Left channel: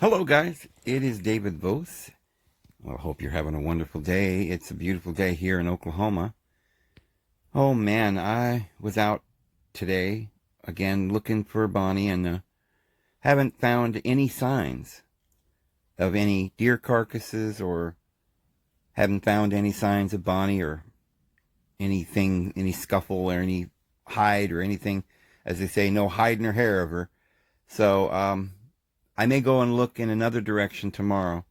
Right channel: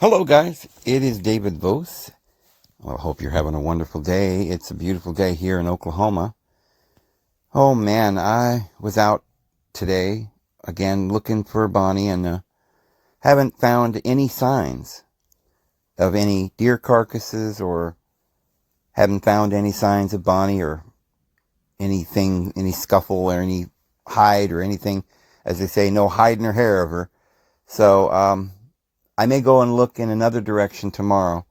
Hello, guys. It is David Vos. Well, I hope you're having a wonderful day. It's a beautiful day here in Oklahoma. Oh, man, I was out today again looking for Bonnie and haven't found any signs of any deer carcasses or haven't found any signs of Bonnie or anything, any scuffle or any hide or anything. As they say, no hide nor hair of her. So, I may go and look in another direction tomorrow.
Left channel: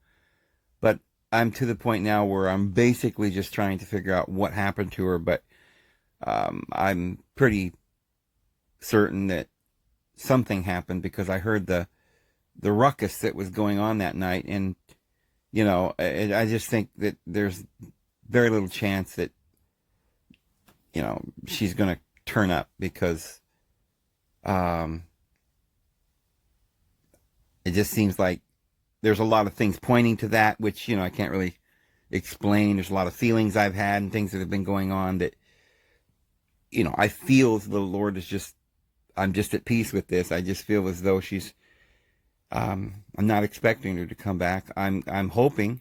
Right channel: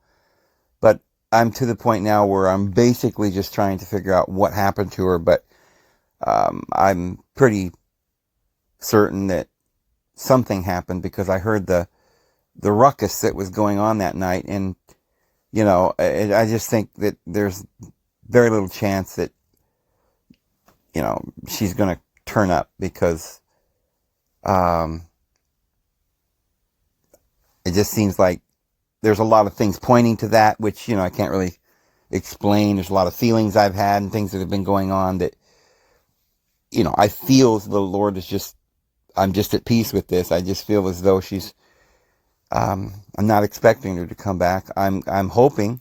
But I'm to the point now where I'm basically just trying to figure out what happened to her. But I'm pretty certain that something happened because I heard the ruckus that was going on that night. And, I just think that there's very little chance that, she's going to turn up because it just seems like there's a lot of things pointing to that, which, I can't really explain. There's a lot of feelings I've had and things that have been going on that, I feel the Lord is just, I'm just at peace with this. I just feel as though I'm not expecting her to come back. I'm hoping.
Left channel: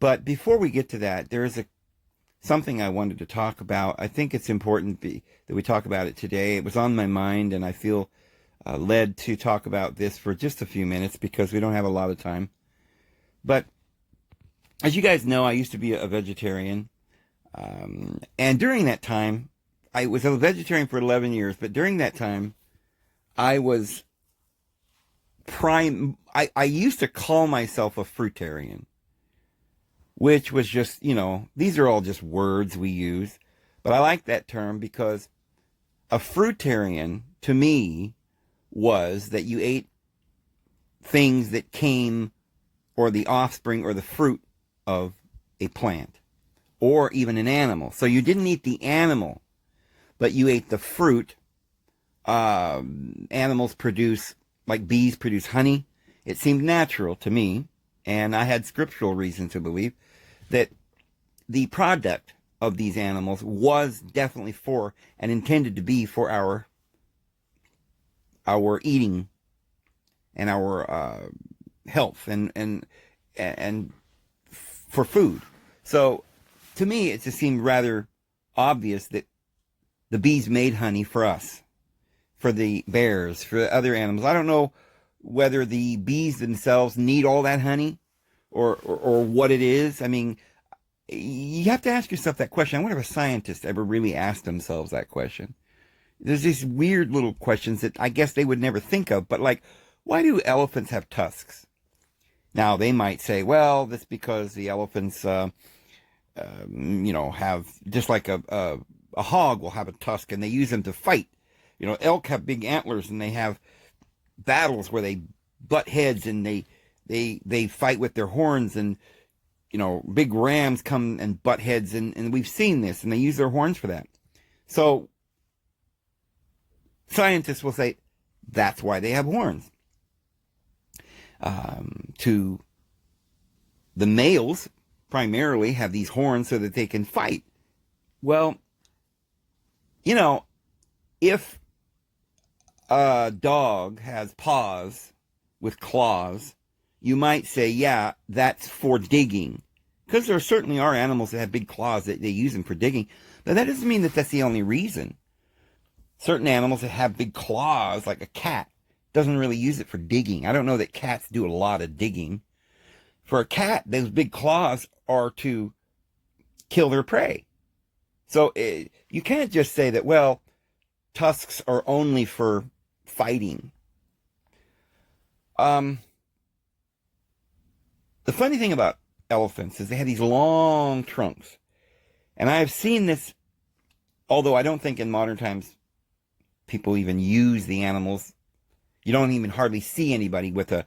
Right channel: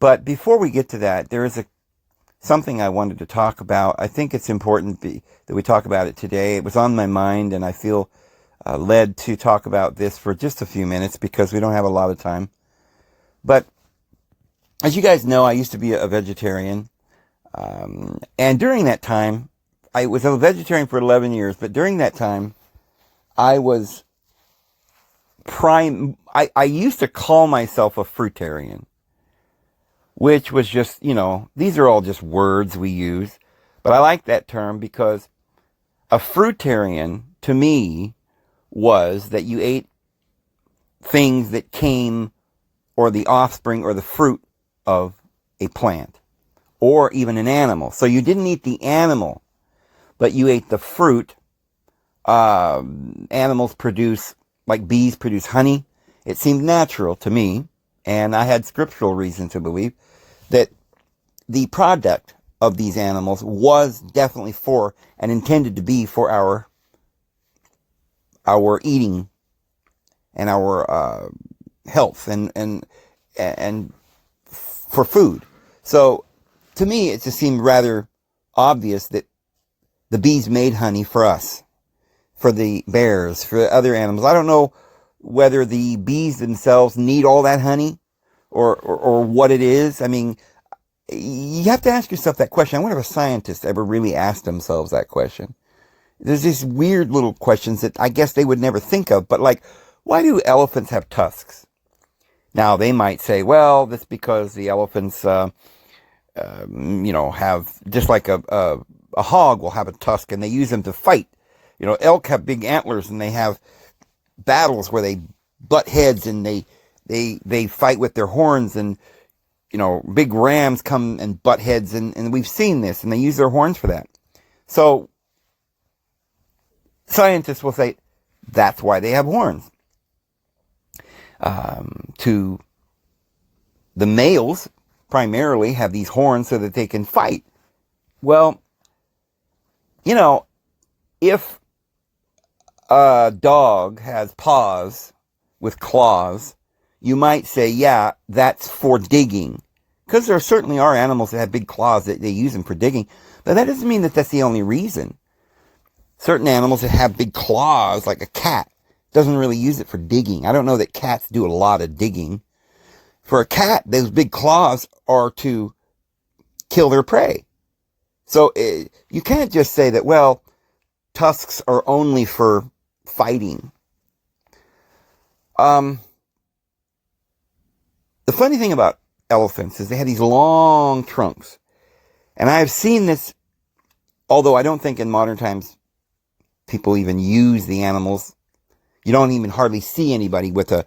But before we get to that, there is something I wanted to talk about. I think it's important that we talk about it today. It was on my mind, and I feel led to talk about this for just a few minutes because we don't have a lot of time. But as you guys know, I used to be a vegetarian. And during that time, I was a vegetarian for 11 years, but during that time, I was I used to call myself a fruitarian, which was just, these are all just words we use. But I like that term because a fruitarian, to me, was that you ate things that came, or the offspring or the fruit of a plant, or even an animal. So you didn't eat the animal, but you ate the fruit. Animals produce, like bees produce honey. It seemed natural to me, and I had scriptural reason to believe that the product of these animals was definitely for and intended to be for our eating and our health and for food. So to me, it just seemed rather obvious that the bees made honey for us, for the bears, for other animals. I don't know whether the bees themselves need all that honey or what it is. I mean, you have to ask yourself that question. I wonder if a scientist ever really asked themselves that question. There's these weird little questions that I guess they would never think of, but like, why do elephants have tusks? Now, they might say, well, that's because the elephants, have, just like a hog will have a tusk and they use them to fight. Elk have big antlers and they have battles where they butt heads and they fight with their horns, and, big rams come and butt heads, and we've seen this, and they use their horns for that. So scientists will say that's why they have horns. To the males, primarily, have these horns so that they can fight. Well, if a dog has paws with claws, you might say, yeah, that's for digging. Because there certainly are animals that have big claws that they use them for digging. But that doesn't mean that that's the only reason. Certain animals that have big claws, like a cat, doesn't really use it for digging. I don't know that cats do a lot of digging. For a cat, those big claws are to kill their prey. So you can't just say that, well, tusks are only for fighting. The funny thing about elephants is they have these long trunks. And I've seen this, although I don't think in modern times people even use the animals. You don't even hardly see anybody with a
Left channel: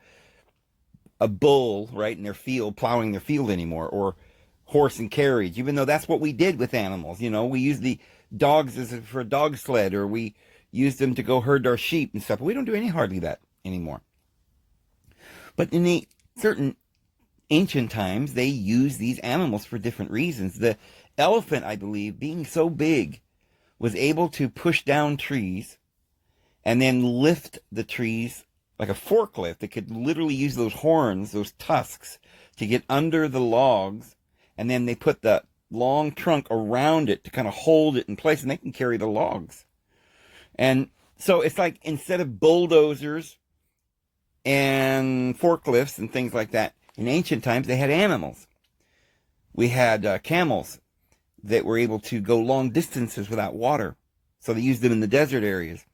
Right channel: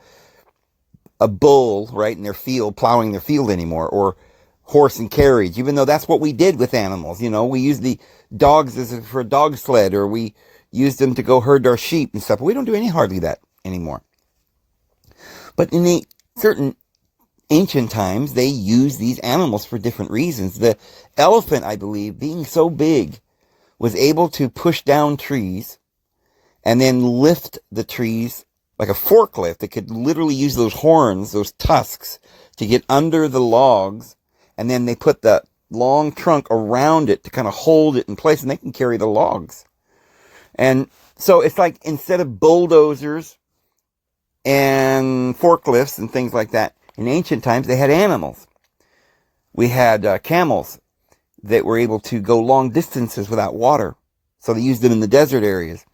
bull right in their field, plowing their field anymore, or horse and carriage, even though that's what we did with animals. We used the dogs for a dog sled, or we used them to go herd our sheep and stuff. We don't do hardly that anymore. But in the certain ancient times, they used these animals for different reasons. The elephant, I believe, being so big, was able to push down trees and then lift the trees like a forklift that could literally use those horns, those tusks, to get under the logs, and then they put the long trunk around it to kind of hold it in place, and they can carry the logs. And so it's like, instead of bulldozers and forklifts and things like that, in ancient times they had animals. We had camels that were able to go long distances without water, so they used them in the desert areas.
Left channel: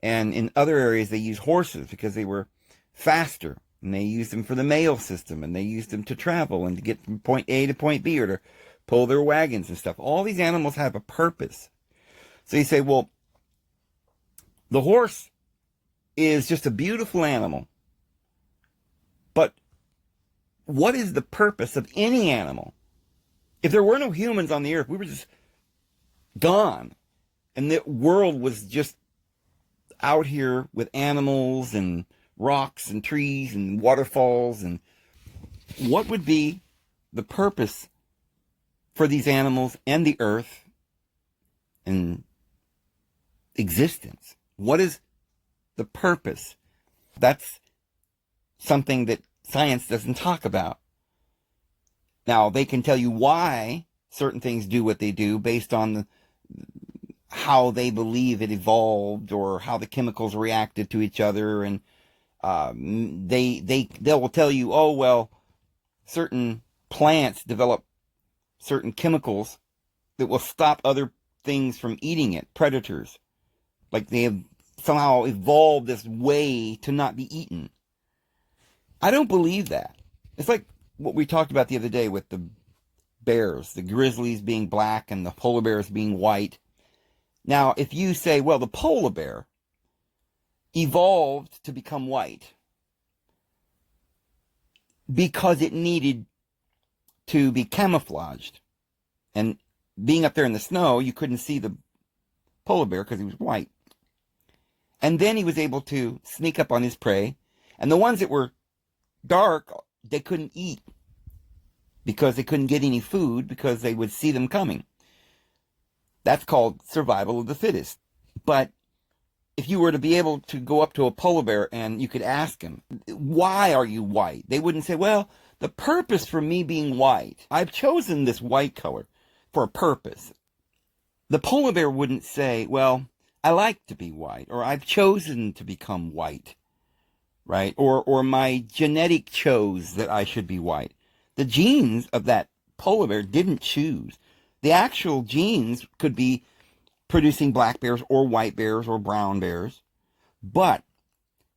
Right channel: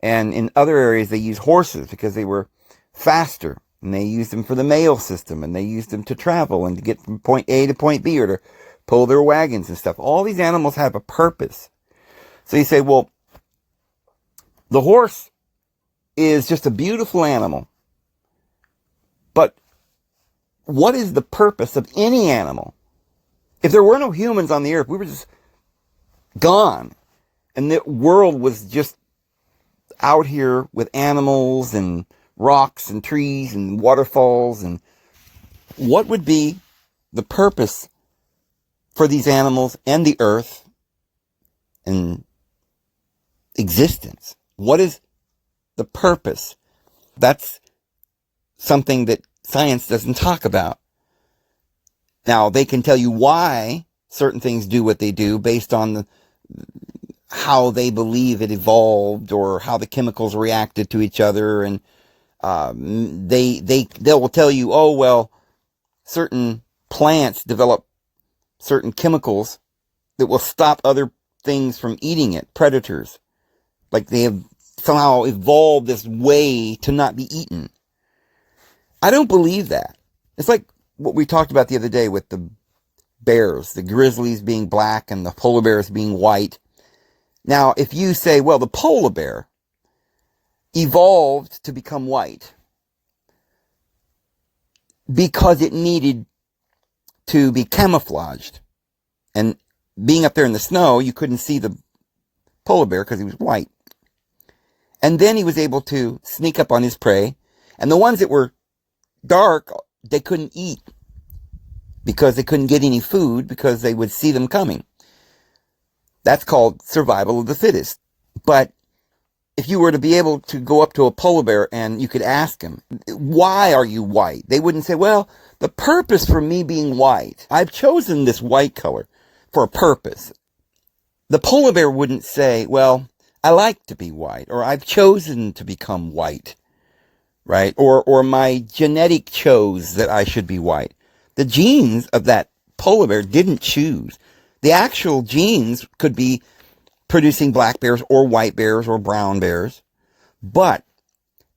And in other areas, they used horses because they were faster. And they used them for the mail system. And they used them to travel and to get from point A to point B, or to pull their wagons and stuff. All these animals have a purpose. So you say, well, the horse is just a beautiful animal. But what is the purpose of any animal? If there were no humans on the earth, we were just gone. And the world was just out here with animals and rocks and trees and waterfalls. And what would be the purpose for these animals and the earth and existence? What is the purpose? That's something that science doesn't talk about. Now, they can tell you why certain things do what they do based on how they believe it evolved, or how the chemicals reacted to each other. And they will tell you, oh, well, certain plants develop certain chemicals that will stop other things from eating it, predators. Like they have somehow evolved this way to not be eaten. I don't believe that. It's like what we talked about the other day with the bears, the grizzlies being black and the polar bears being white. Now, if you say, well, the polar bear evolved to become white because it needed to be camouflaged, and being up there in the snow, you couldn't see the polar bear because he was white. And then he was able to sneak up on his prey, and the ones that were dark, they couldn't eat because they couldn't get any food because they would see them coming. That's called survival of the fittest. But if you were to be able to go up to a polar bear and you could ask him, why are you white? They wouldn't say, well, the purpose for me being white, I've chosen this white color for a purpose. The polar bear wouldn't say, well, I like to be white, or I've chosen to become white, right? Or my genetic chose that I should be white. The genes of that polar bear didn't choose. The actual genes could be producing black bears or white bears or brown bears, but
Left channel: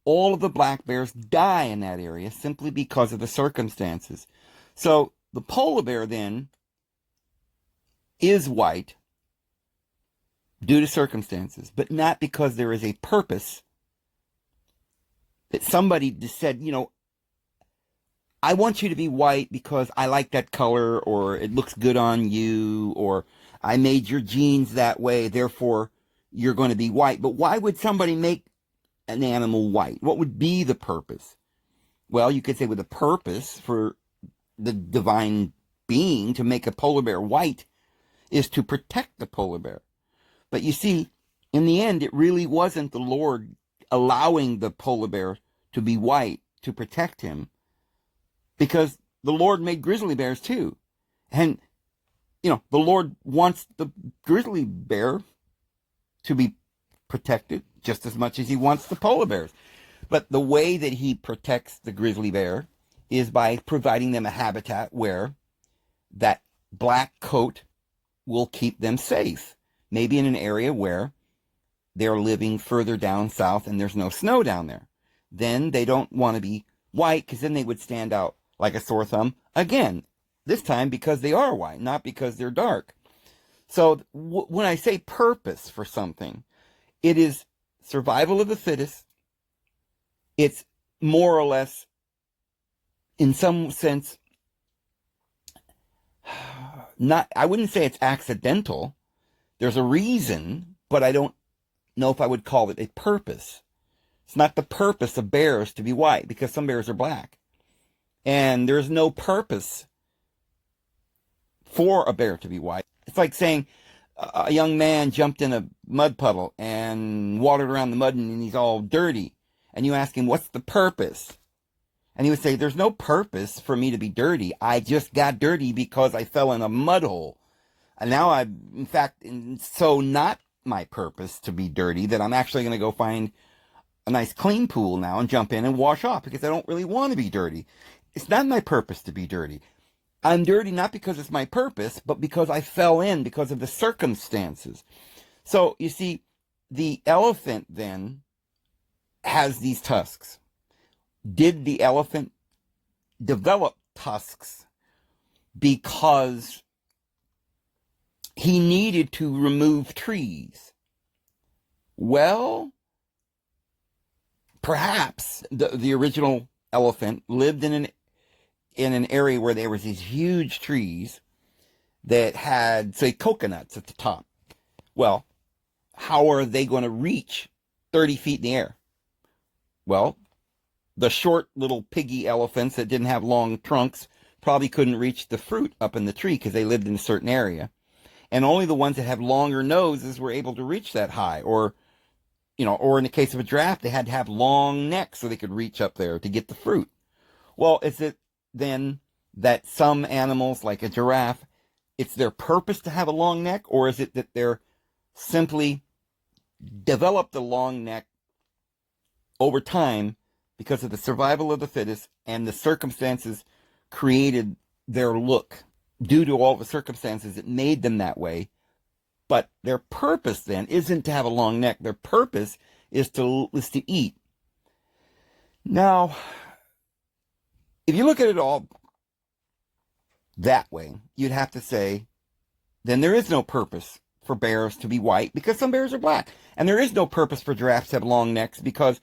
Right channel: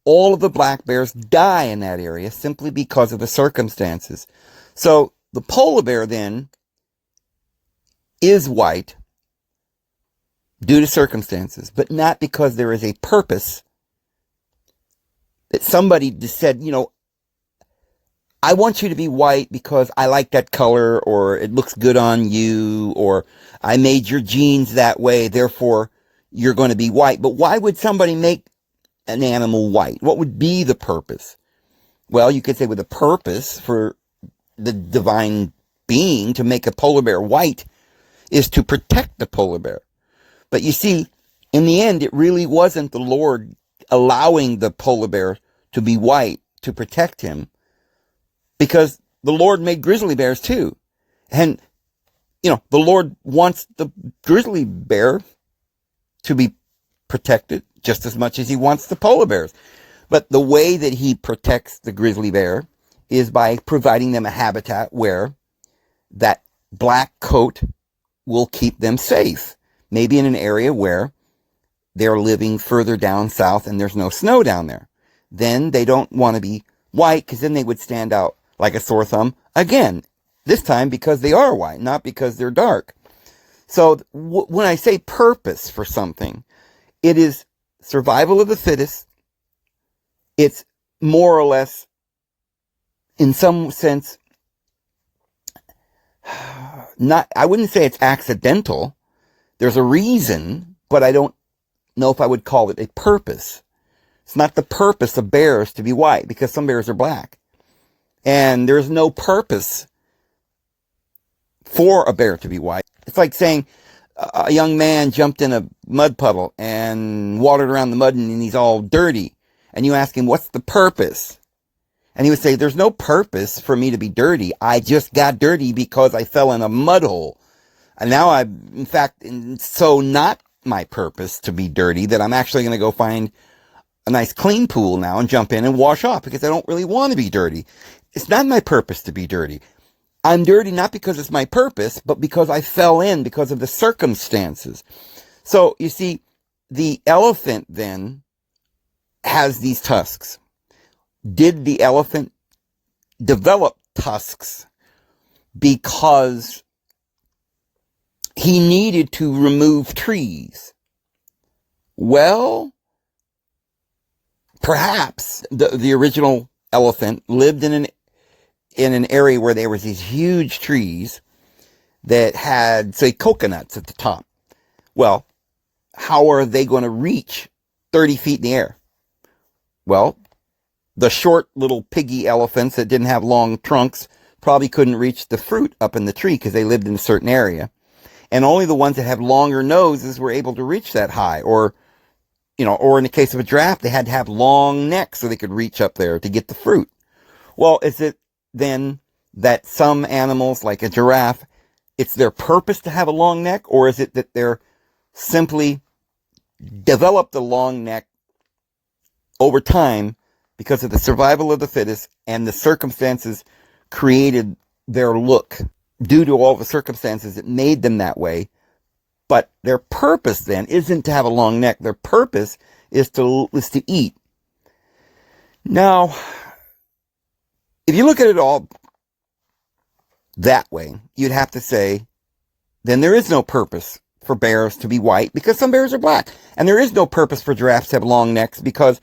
all of the black bears die in that area simply because of the circumstances. So the polar bear then is white due to circumstances, but not because there is a purpose that somebody just said, you know, I want you to be white because I like that color, or it looks good on you, or I made your genes that way, therefore you're going to be white. But why would somebody make an animal white? What would be the purpose? Well, you could say, with a purpose for the divine being to make a polar bear white is to protect the polar bear. But you see, in the end, it really wasn't the Lord allowing the polar bear to be white to protect him, because the Lord made grizzly bears too. And, you know, the Lord wants the grizzly bear to be protected just as much as he wants the polar bears. But the way that he protects the grizzly bear is by providing them a habitat where that black coat will keep them safe. Maybe in an area where they're living further down south and there's no snow down there. Then they don't want to be white, because then they would stand out like a sore thumb again, this time because they are white, not because they're dark. So when I say purpose for something, it is survival of the fittest. It's more or less, in some sense, I wouldn't say it's accidental. There's a reason, but I don't know if I would call it a purpose. It's not the purpose of bears to be white, because some bears are black. And there's no purpose for a bear to be white. It's like saying a young man jumped in a mud puddle and watered around the mud and he's all dirty. and you ask him, what's the purpose? And he would say, there's no purpose for me to be dirty. I just got dirty because I fell in a mud hole. And now in fact, so not my purpose to be dirty that I'm actually going to go find a nice clean pool now and jump in and wash off because I don't really want to be dirty. It's not my purpose to be dirty. I'm dirty not because it's my purpose, but because I fell in because of the circumstances. So you see, the elephant then has these tusks. Did the elephant develop tusks because he needed to remove trees? Well, perhaps the original elephant lived in an area where there was these huge trees that had, say, coconuts at the top. Well, how are they going to reach 30 feet in the air? Well, the short little piggy elephants that didn't have long trunks probably couldn't reach the fruit up in the tree because they lived in a certain area. And only the ones that have longer noses were able to reach that high. Or in the case of a giraffe, they had to have long necks so they could reach up there to get the fruit. Well, is it then that some animals, like a giraffe, it's their purpose to have a long neck? Or is it that they're simply developed a long neck over time because of the survival of the fittest and the circumstances created their look due to all the circumstances that made them that way? But their purpose then isn't to have a long neck. Their purpose is to eat. Now, if you look at it all that way, you'd have to say, then there is no purpose for bears to be white because some bears are black. And there is no purpose for giraffes to have long necks because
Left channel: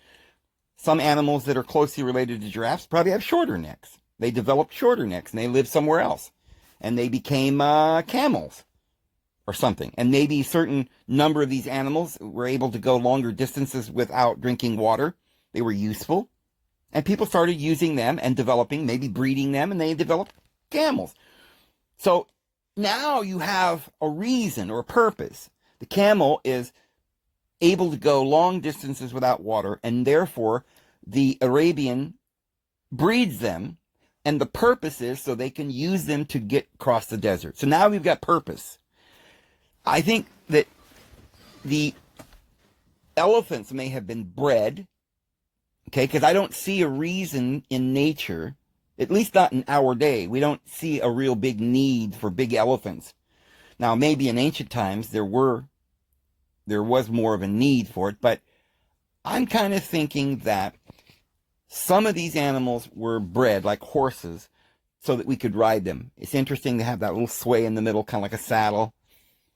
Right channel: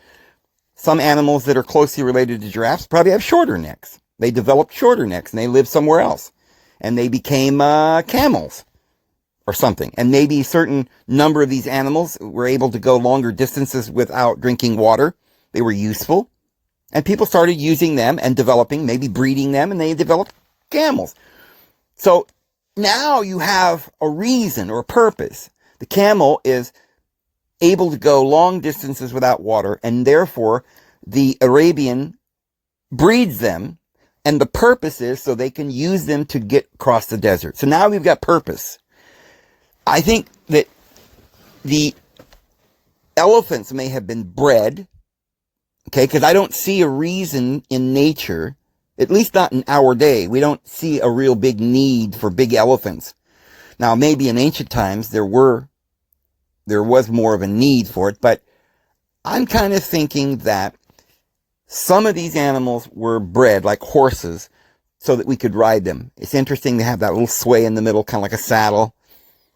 some animals that are closely related to giraffes probably have shorter necks. They developed shorter necks and they lived somewhere else. And they became camels or something. And maybe a certain number of these animals were able to go longer distances without drinking water. They were useful. And people started using them and developing, maybe breeding them, and they developed camels. So now you have a reason or a purpose. The camel is able to go long distances without water, and therefore the Arabian breeds them, and the purpose is so they can use them to get across the desert. So now we've got purpose. I think that the elephants may have been bred, okay, because I don't see a reason in nature, at least not in our day, we don't see a real big need for big elephants. Now, maybe in ancient times there was more of a need for it, but I'm kind of thinking that some of these animals were bred like horses so that we could ride them. It's interesting to have that little sway in the middle, kind of like a saddle.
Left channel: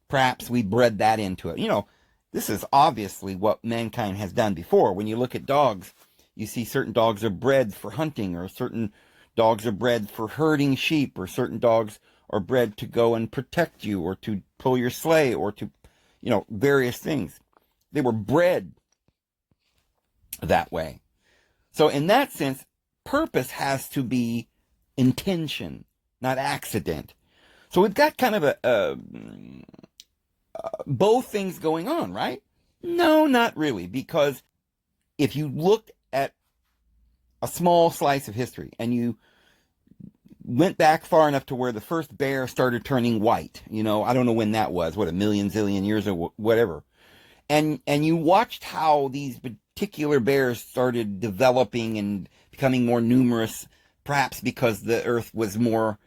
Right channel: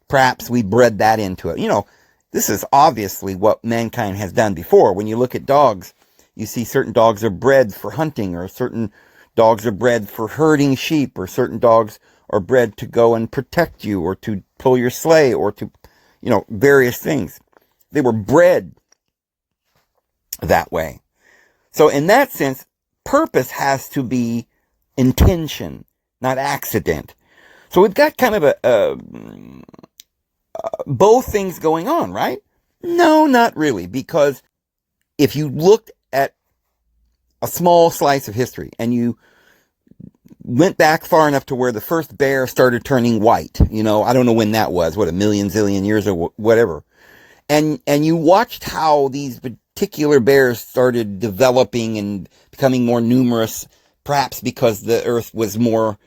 Perhaps we bred that into it. This is obviously what mankind has done before. When you look at dogs, you see certain dogs are bred for hunting, or certain dogs are bred for herding sheep, or certain dogs are bred to go and protect you, or to pull your sleigh, or to, various things. They were bred that way. So in that sense, purpose has to be intention, not accident. So we've got kind of both things going on, right? No, not really, because if you looked at a small slice of history and you went back far enough to where the first bear started turning white, I don't know when that was, a million, zillion years or whatever, and you watched how these particular bears started developing and becoming more numerous, perhaps because the earth was more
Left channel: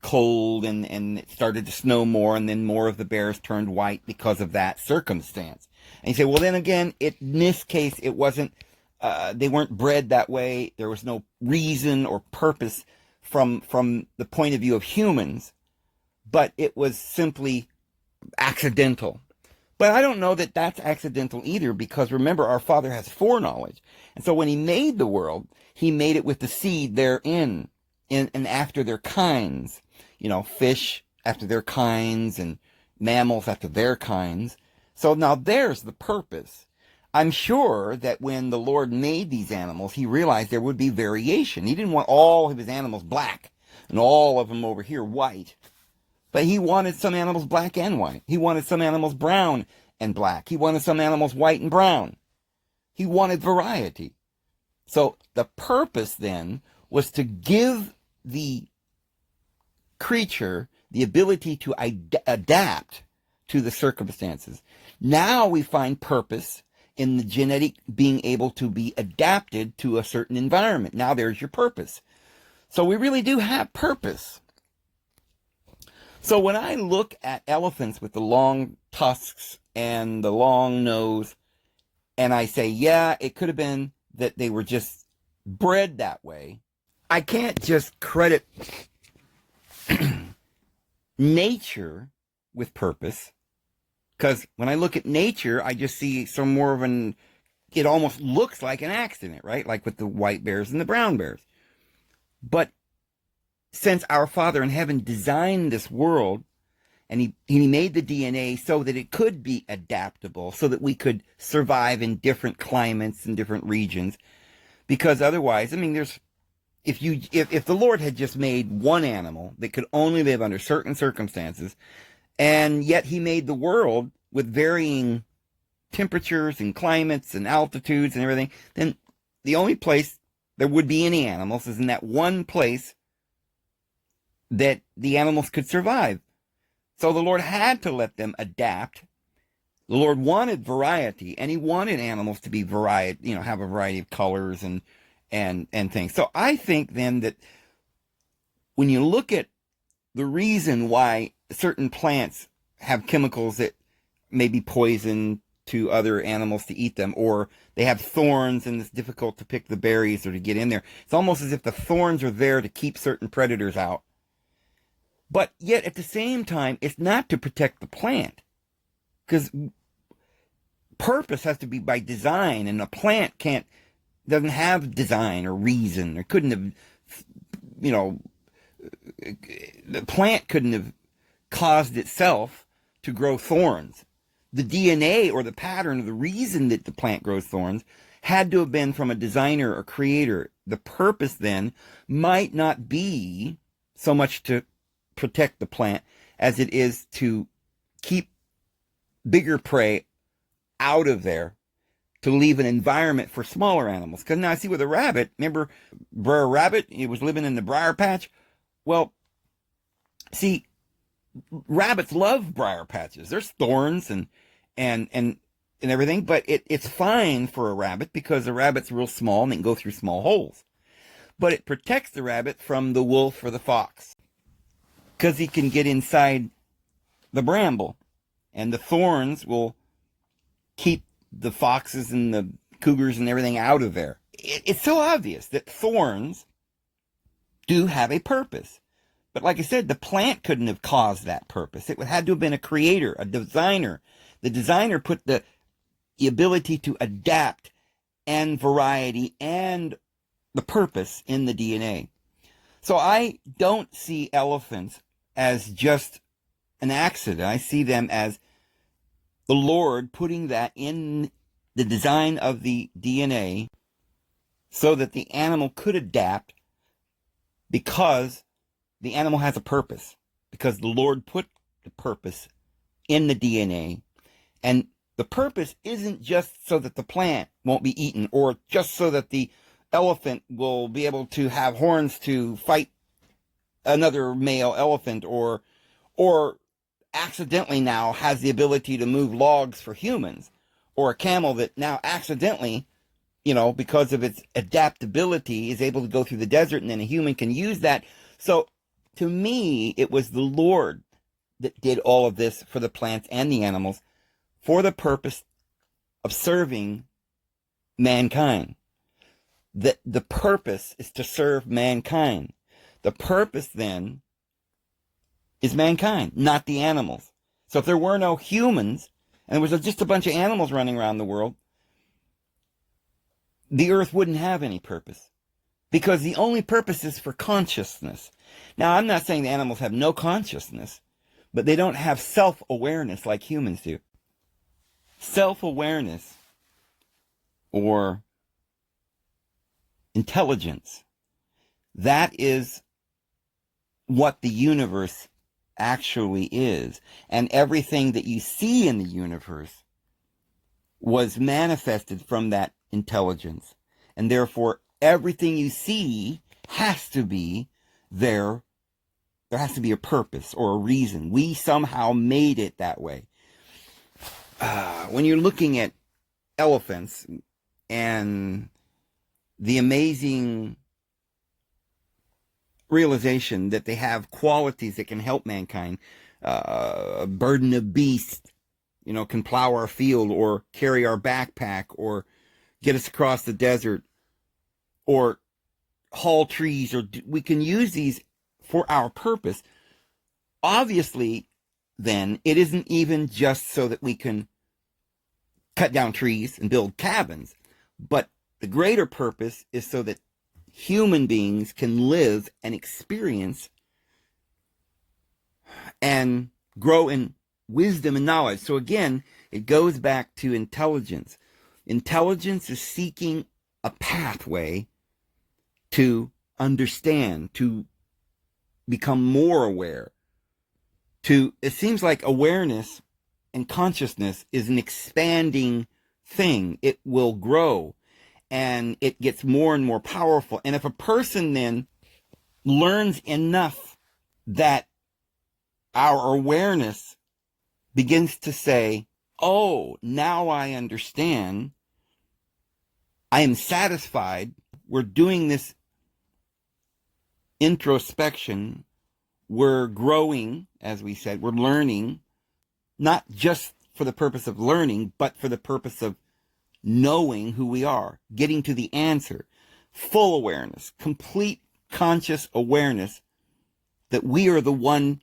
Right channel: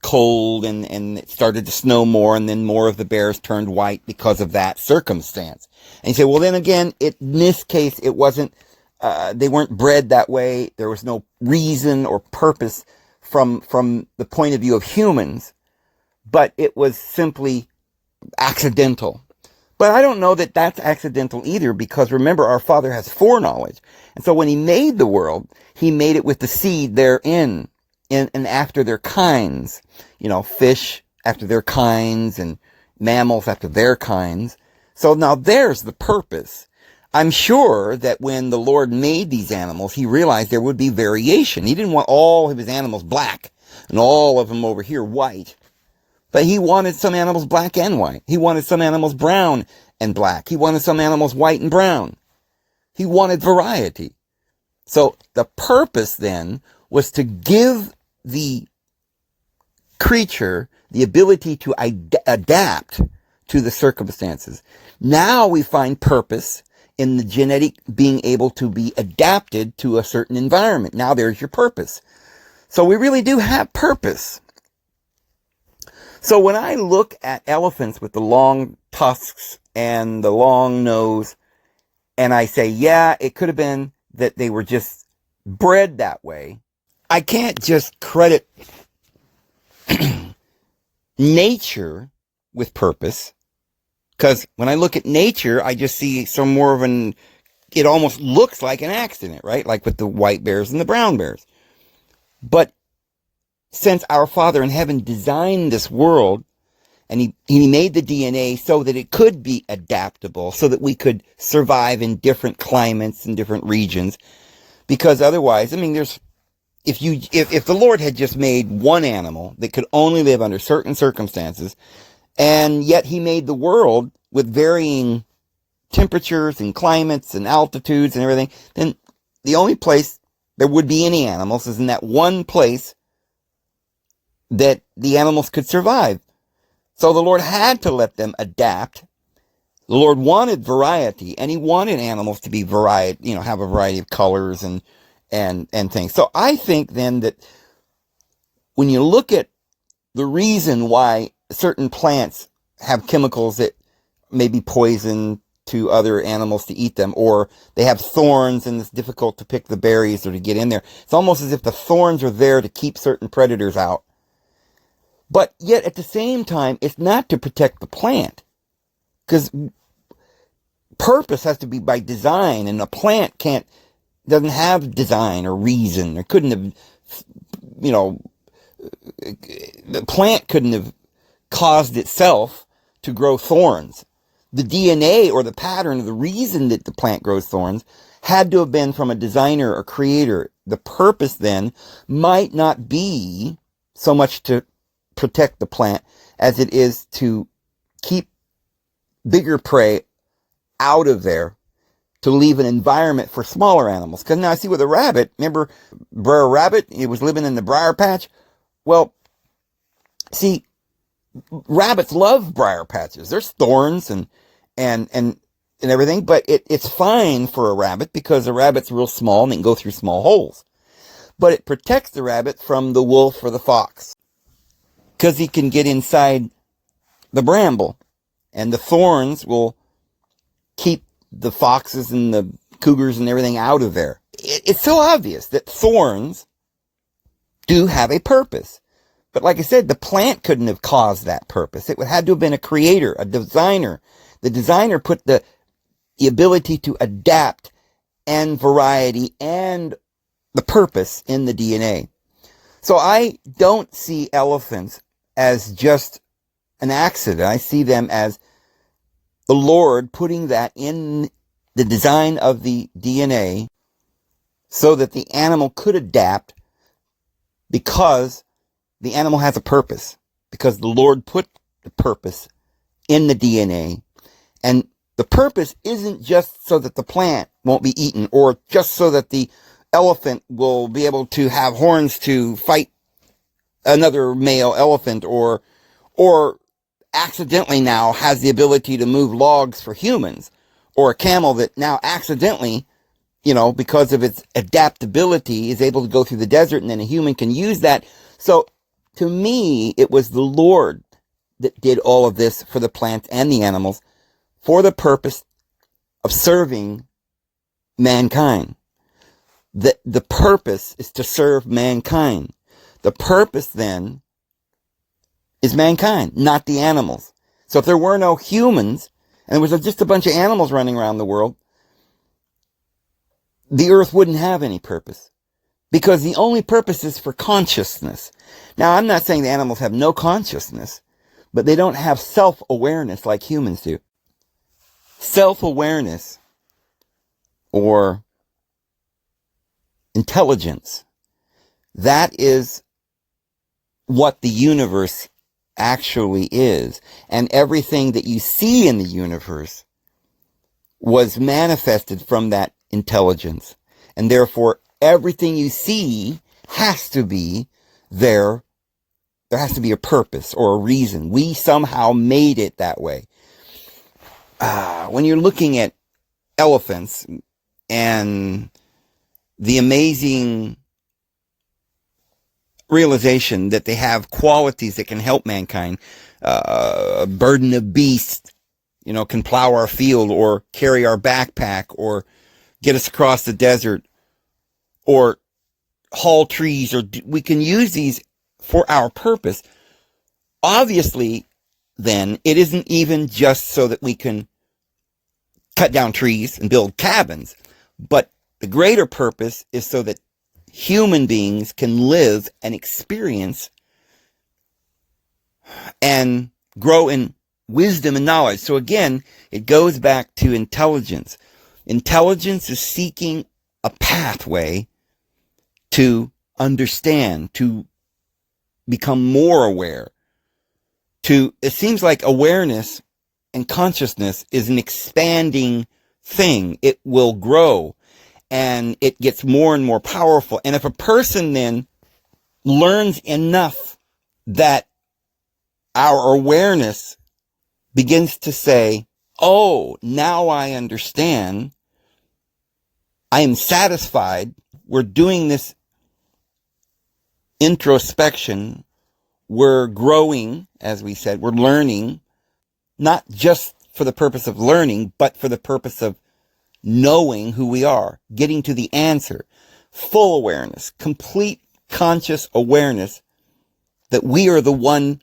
cold and it started to snow more, and then more of the bears turned white because of that circumstance. And you say, well, then again, in this case, it wasn't, they weren't bred that way. There was no reason or purpose from the point of view of humans, but it was simply accidental. But I don't know that that's accidental either, because remember, our Father has foreknowledge. And so when he made the world, he made it with the seed therein, and after their kinds, fish after their kinds and mammals after their kinds. So now there's the purpose. I'm sure that when the Lord made these animals, he realized there would be variation. He didn't want all of his animals black and all of them over here white. But he wanted some animals black and white. He wanted some animals brown and black. He wanted some animals white and brown. He wanted variety. So the purpose then was to give the creature the ability to adapt to the circumstances. Now we find purpose in the genetic being able to be adapted to a certain environment. Now there's your purpose. So we really do have purpose. So when I look at elephants with the long tusks and the long nose, and I say, yeah, it could have been that they were just bred that way, I can't just credit nature with purpose, because when I look at nature, I just see some more of it almost looks like an accident, right? Like with the white bears and the brown bears. But since our Father in heaven designed this world, and he made the DNA so that it could be adaptable, so that we could survive in different climates and different regions, because otherwise, I mean, if the Lord had just made one animal that could only live under certain circumstances, and yet he made the world with varying temperatures and climates and altitudes and everything, then the only place there would be any animals is in that one place that the animals could survive. So the Lord had to let them adapt. The Lord wanted variety, and he wanted animals to be variety, have a variety of colors and things. So I think then that when you look at the reason why certain plants have chemicals that may be poison to other animals to eat them, or they have thorns and it's difficult to pick the berries or to get in there, it's almost as if the thorns are there to keep certain predators out. But yet at the same time, it's not to protect the plant, because purpose has to be by design, and a plant doesn't have design or reason, or couldn't have, the plant couldn't have caused itself to grow thorns. The DNA or the pattern of the reason that the plant grows thorns had to have been from a designer or creator. The purpose then might not be so much to protect the plant as it is to keep bigger prey out of there, to leave an environment for smaller animals. Because now I see with a rabbit, remember Brer Rabbit, he was living in the briar patch? Well, see, rabbits love briar patches. There's thorns and everything, but it's fine for a rabbit because a rabbit's real small and it can go through small holes. But it protects the rabbit from the wolf or the fox, because he can get inside the bramble, and the thorns will keep the foxes and the cougars and everything out of there. It's so obvious that thorns do have a purpose. But like I said, the plant couldn't have caused that purpose. It had to have been a creator, a designer. The designer put the ability to adapt and variety and the purpose in the DNA. So I don't see elephants as just an accident. I see them as the Lord putting that in the design of the DNA so that the animal could adapt, because the animal has a purpose, because the Lord put the purpose in the DNA. And the purpose isn't just so that the plant won't be eaten, or just so that the elephant will be able to have horns to fight another male elephant, or accidentally now has the ability to move logs for humans, or a camel that now accidentally, because of its adaptability, is able to go through the desert, and then a human can use that. So to me, it was the Lord that did all of this for the plants and the animals for the purpose of serving mankind. The purpose is to serve mankind. The purpose then is mankind, not the animals. So if there were no humans, and there was just a bunch of animals running around the world, the earth wouldn't have any purpose, because the only purpose is for consciousness. Now, I'm not saying the animals have no consciousness, but they don't have self-awareness like humans do. Self-awareness, or intelligence, that is what the universe actually is. And everything that you see in the universe was manifested from that intelligence. And therefore, everything you see has to be there. There has to be a purpose or a reason. We somehow made it that way. When you're looking at elephants and the amazing realization that they have qualities that can help mankind, a burden of beast, can plow our field or carry our backpack or get us across the desert or haul trees, or we can use these for our purpose. Obviously, then, it isn't even just so that we can cut down trees and build cabins, but the greater purpose is so that human beings can live and experience and grow in wisdom and knowledge. So again, it goes back to intelligence. Intelligence is seeking a pathway to understand, to become more aware. It seems like awareness and consciousness is an expanding thing. It will grow and it gets more and more powerful. And if a person then learns enough that our awareness begins to say, oh, now I understand, I am satisfied, we're doing this introspection, we're growing, as we said, we're learning, not just for the purpose of learning, but for the purpose of knowing who we are, getting to the answer, full awareness, complete conscious awareness that we are the one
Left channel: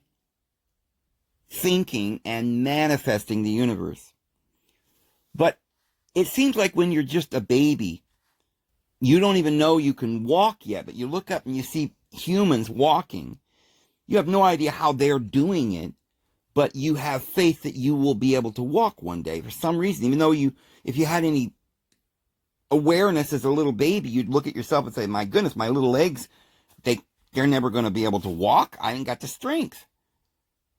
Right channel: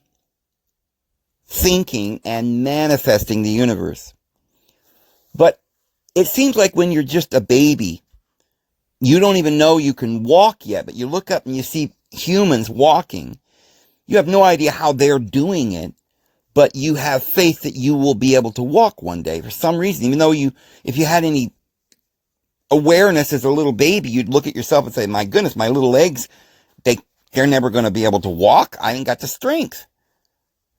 thinking and manifesting the universe. But it seems like when you're just a baby, you don't even know you can walk yet, but you look up and you see humans walking. You have no idea how they're doing it, but you have faith that you will be able to walk one day for some reason. Even though if you had any awareness as a little baby, you'd look at yourself and say, my goodness, my little legs, they're never going to be able to walk. I ain't got the strength.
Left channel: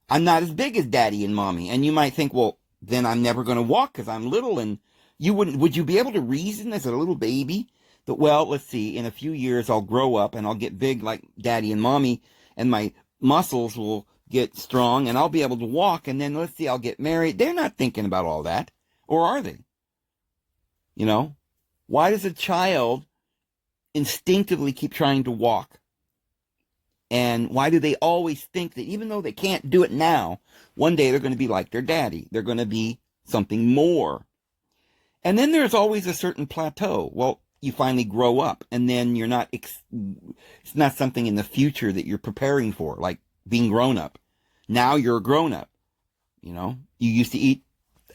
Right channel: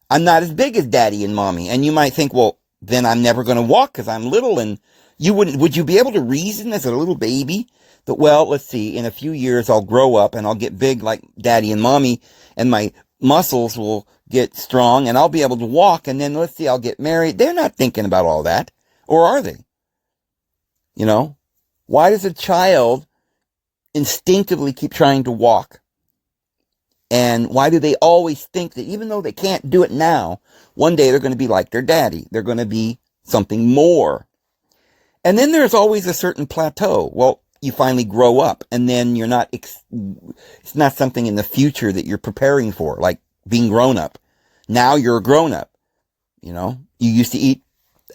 I'm not as big as daddy and mommy. And you might think, well, then I'm never going to walk because I'm little. And would you be able to reason as a little baby that, well, let's see, in a few years I'll grow up and I'll get big like daddy and mommy and my muscles will get strong and I'll be able to walk, and then let's see, I'll get married. They're not thinking about all that. Or are they? Why does a child instinctively keep trying to walk? And why do they always think that even though they can't do it now, one day they're going to be like their daddy? They're going to be something more. And then there's always a certain plateau. Well, you finally grow up, and then it's not something in the future that you're preparing for, like being grown up. Now you're a grown up. You used to eat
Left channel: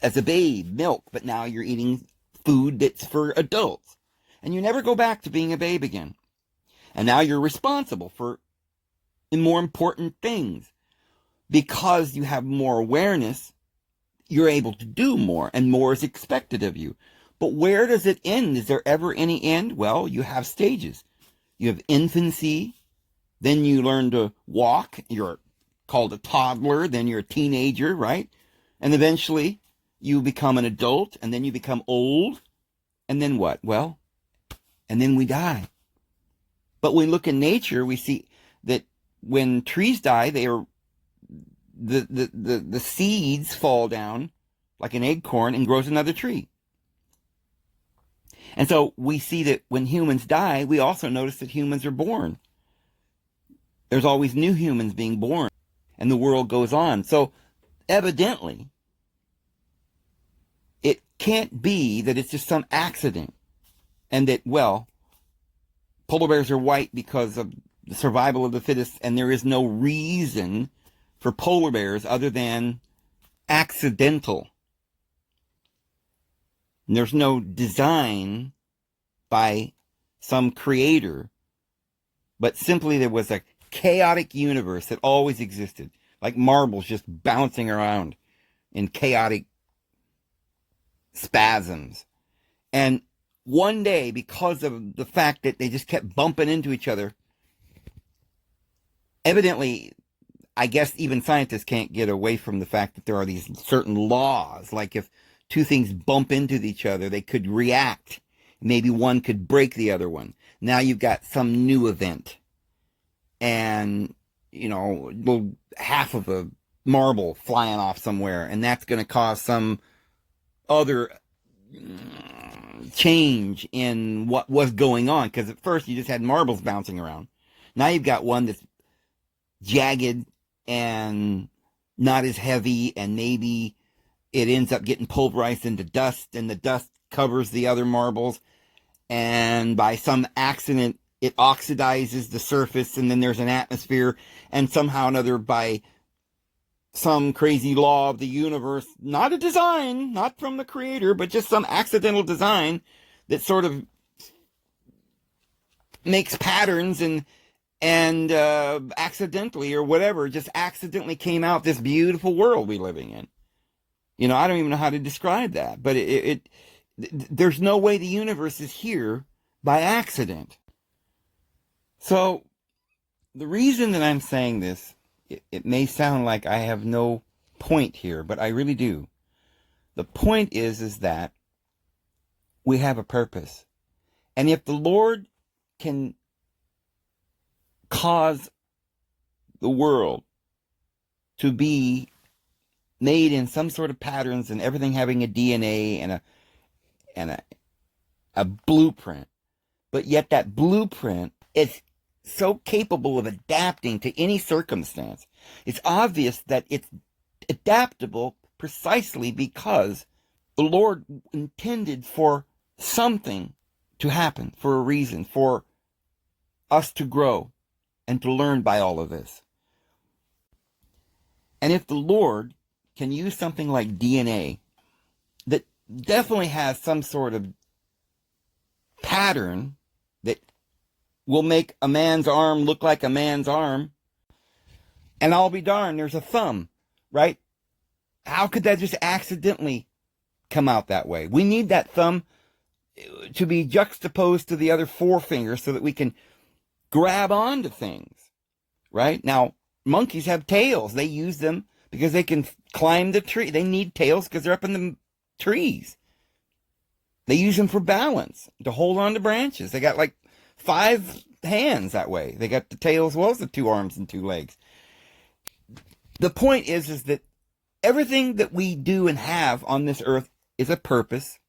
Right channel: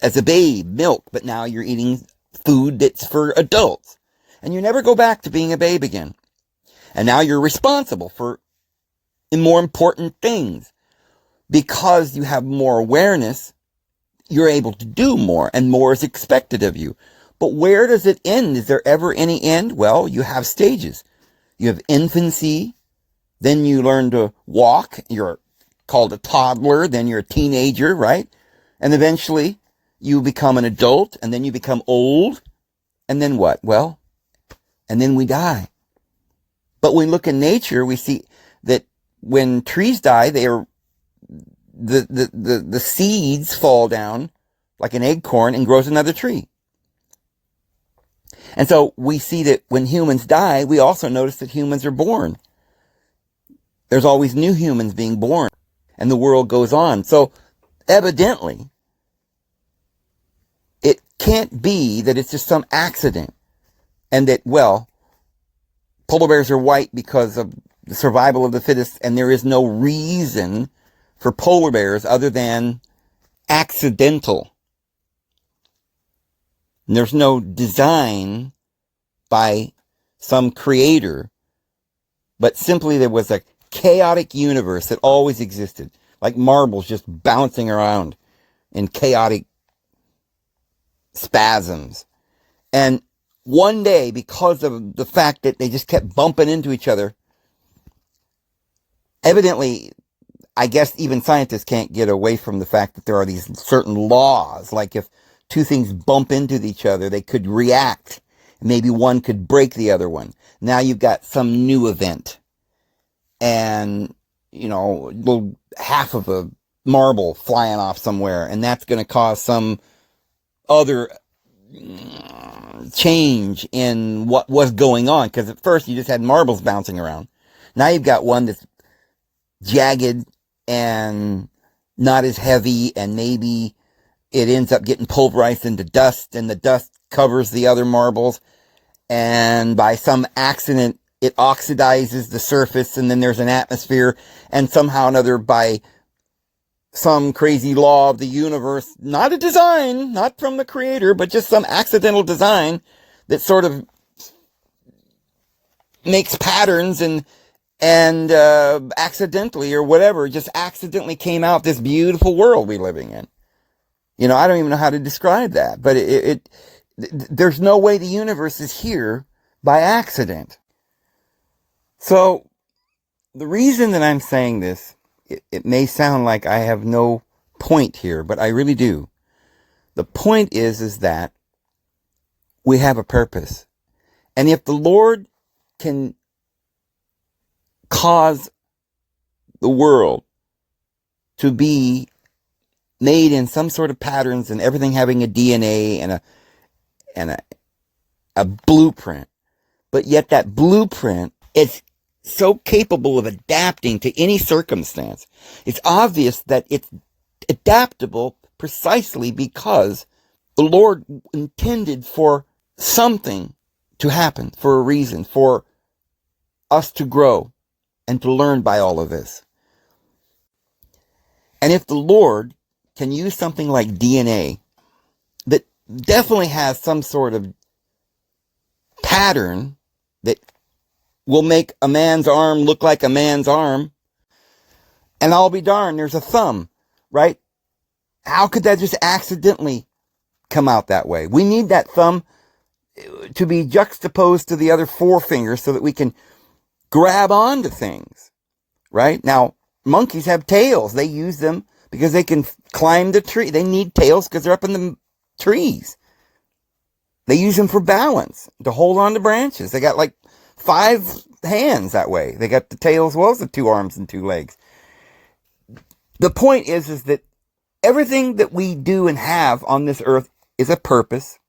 as a babe milk, but now you're eating food that's for adults. And you never go back to being a babe again. And now you're responsible for more important things. Because you have more awareness, you're able to do more, and more is expected of you. But where does it end? Is there ever any end? Well, you have stages. You have infancy, then you learn to walk, you're called a toddler, then you're a teenager, right? And eventually you become an adult, and then you become old, and then what? Well, and then we die. But when we look in nature, we see that when trees die, the seeds fall down like an acorn and grows another tree. And so we see that when humans die, we also notice that humans are born. There's always new humans being born, and the world goes on. So evidently, it can't be that it's just some accident and that, well, polar bears are white because of the survival of the fittest, and there is no reason for polar bears other than accidental. And there's no design by some creator, but simply there was a chaotic universe that always existed, like marbles just bouncing around in chaotic spasms. And one day, because of the fact that they just kept bumping into each other, evidently, I guess even scientists can't get away from the fact that there are these certain laws. Like if two things bump into each other, they could react. Maybe one could break the other one. Now you've got some new event. And, half of a marble flying off somewhere. And that's going to cause some other change in what was going on. Because at first you just had marbles bouncing around. Now you've got one that's jagged and not as heavy, and maybe it ends up getting pulverized into dust, and the dust covers the other marbles, and by some accident it oxidizes the surface, and then there's an atmosphere, and somehow or another, by some crazy law of the universe, not a design, not from the creator, but just some accidental design that sort of makes patterns and accidentally or whatever, just accidentally came out this beautiful world we're living in. I don't even know how to describe that, but there's no way the universe is here by accident. So the reason that I'm saying this, it may sound like I have no point here, but I really do. The point is that we have a purpose. And if the Lord can cause the world to be made in some sort of patterns, and everything having a DNA and a blueprint, but yet that blueprint is so capable of adapting to any circumstance. It's obvious that it's adaptable precisely because the Lord intended for something to happen, for a reason, for us to grow and to learn by all of this. And if the Lord can use something like DNA that definitely has some sort of pattern that will make a man's arm look like a man's arm, and I'll be darned, there's a thumb, right? How could that just accidentally come out that way? We need that thumb to be juxtaposed to the other four fingers so that we can grab onto things, right? Now, monkeys have tails. They use them because they can climb the tree. They need tails because they're up in the trees. They use them for balance, to hold on to branches. They got like 5 hands that way. They got the tail as well as the 2 arms and 2 legs. The point is that everything that we do and have on this earth is a purpose,